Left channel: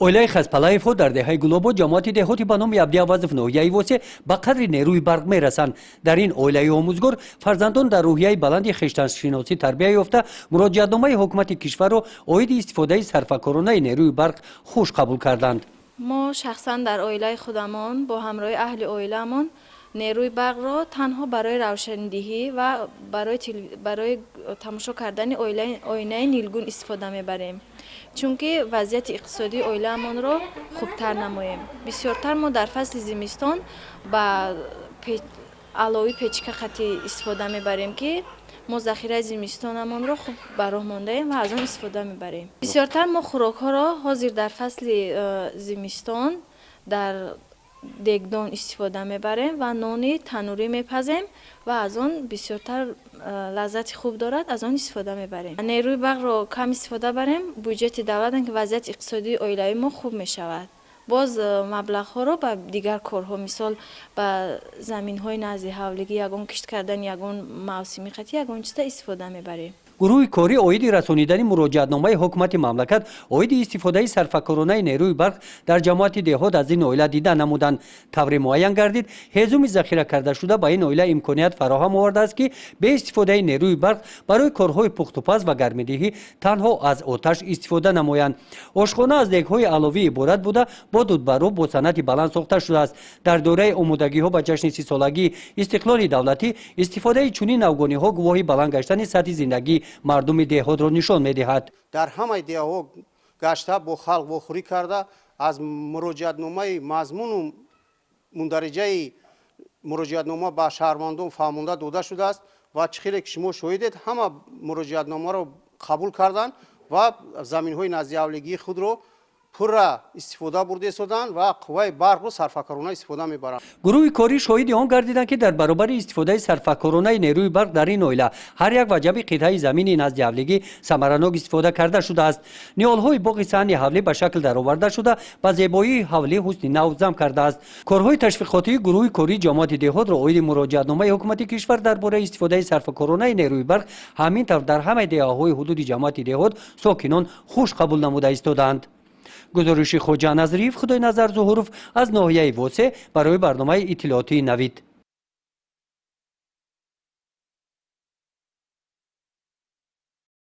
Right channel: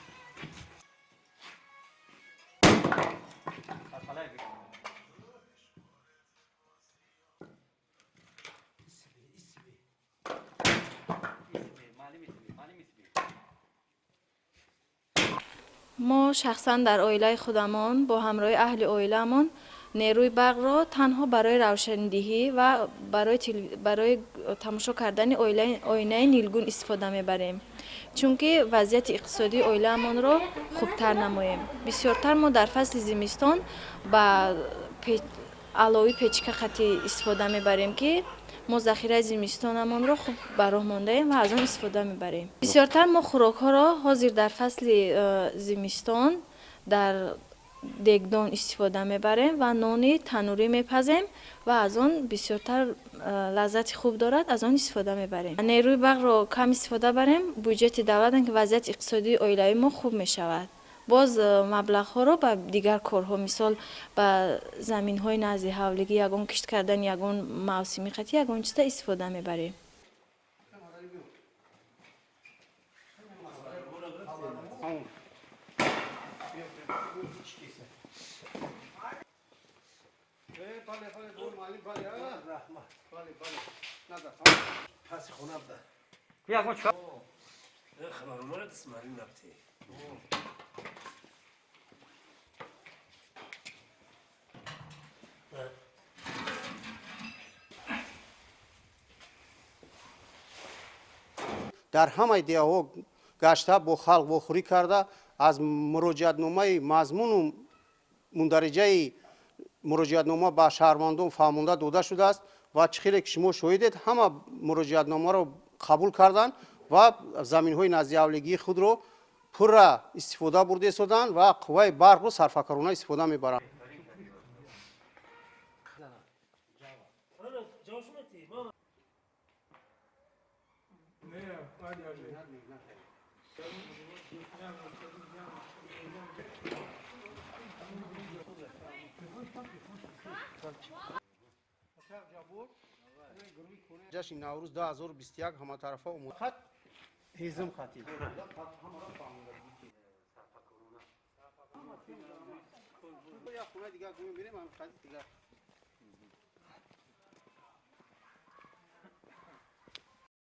оилаи Хазпалаевҳо дар деҳаи Гулобод ҷамоати деҳоти ба номи Абдиавазов ноҳияи Восе ба қадри нерӯи барқ мерасанд. Дар ин оилаи омӯзгор фарзандон дар рӯҳияи баланди хештаншиносӣ тарбия ёфта муроҷиатномаи ҳукумати кишварро оиди истифодаи сарфакоронаи нерӯи барқ хуш қабул карданд. мо шахсан дар оилаи худамон бо ҳамроҳи аҳли оиламон нерӯи барқро танҳо барои равшандиҳӣ ва барои тамошо кардани оинаи нилгун истифода мебарем, чунки вазъияти иқтисодии оилаамонро хубтар намоем. Бисёртар мо дар фасли зимистон ба алови печка қатӣ истифода мебарем, ки мо захираи зимистонамонро хуб ба роҳ мондаем ва аз он истифода мебарем. Бисёртар мо хӯрокҳоро ҳозир дар фасли зимистон дар дегдон истифода мебарем ва нони танурӣ мепазем ва аз он бисёртар лаззати хуб дорад, аз он истифода мебарем. Нерӯи барқро кам истифода барем, бюҷети давлатам ки вазъияти иқтисодии оилаи мо хуб мешавад. боз маблағҳоро ба дигар корҳо, мисол ба заминҳои назди ҳавлигӣ, ягон кишт кардани ягон мавсими қатӣ ягон чиза истифода мебарем. гурӯҳи корӣ оиди расонидани муроҷиатномаи ҳукумати мамлакат оиди истифодаи сарфакоронаи нерӯи барқ дар ҷамоати деҳот аз ин оила дида намуданд. тавре муайян гардид ҳезуми захира кардашуда ба ин оила имконият фароҳам овардааст ки бе истифодаи нерӯи барқ барои корҳои пухтупаз ва гармидиҳӣ танҳо аз оташ истифода намоянд. ошхона аз дегҳои аловӣ иборат буда бо дудбаро бо санъати баланд сохта шудааст. дар дораи омодагиҳо ба ҷашни сисолагии истиқлоли давлатӣ истифодаи чунин авгониҳо гувоҳи баланд гаштани сатҳи зиндагии мардуми деҳотро нишон медиҳад. дар ҳамаи деҳаҳо гашта бо халқ вохӯрӣ карда аз муроҷиатномаи мазмуну мундариҷаи муроҷиатнома ба шаҳрвандон фаҳмонда дода шудааст ва чӣ хеле ки шумо шоҳидед ҳама муроҷиатномаро қабул карданд ва заминҳои наздиҳавлигии худро пурра истифода бурда истоданд ва қувваи барқро сарфакорона истифода мебаранд. гурӯҳи корӣ шоҳиди он гардиданд ки дар баробари истифодаи сарфакоронаи нерӯи барқ дар ин оила ҳар як ваҷаби қитъаи замини наздиҳавлигӣ самаранок истифода карда шудааст. ниҳолҳои боғи саҳни ҳавлӣ ба шакл дароварда шуда ба зебоии ҳавлӣ ҳусни нав зам кардааст. корҳои ташвиқотии гурӯҳи кории ҷамоати деҳотро оиди муроҷиатномаи ҳукумати кишвар дар бораи истифодаи сарфакоронаи нерӯи барқ ҳамин тавр дар ҳамаи деҳаҳои ҳудуди ҷамоати деҳот сокинон хуш қабул намуда истодаанд. гузориши хоҷа назриев, худойназар зуҳуров аз ноҳияи Восе барои барномаи иттилоотии Навид.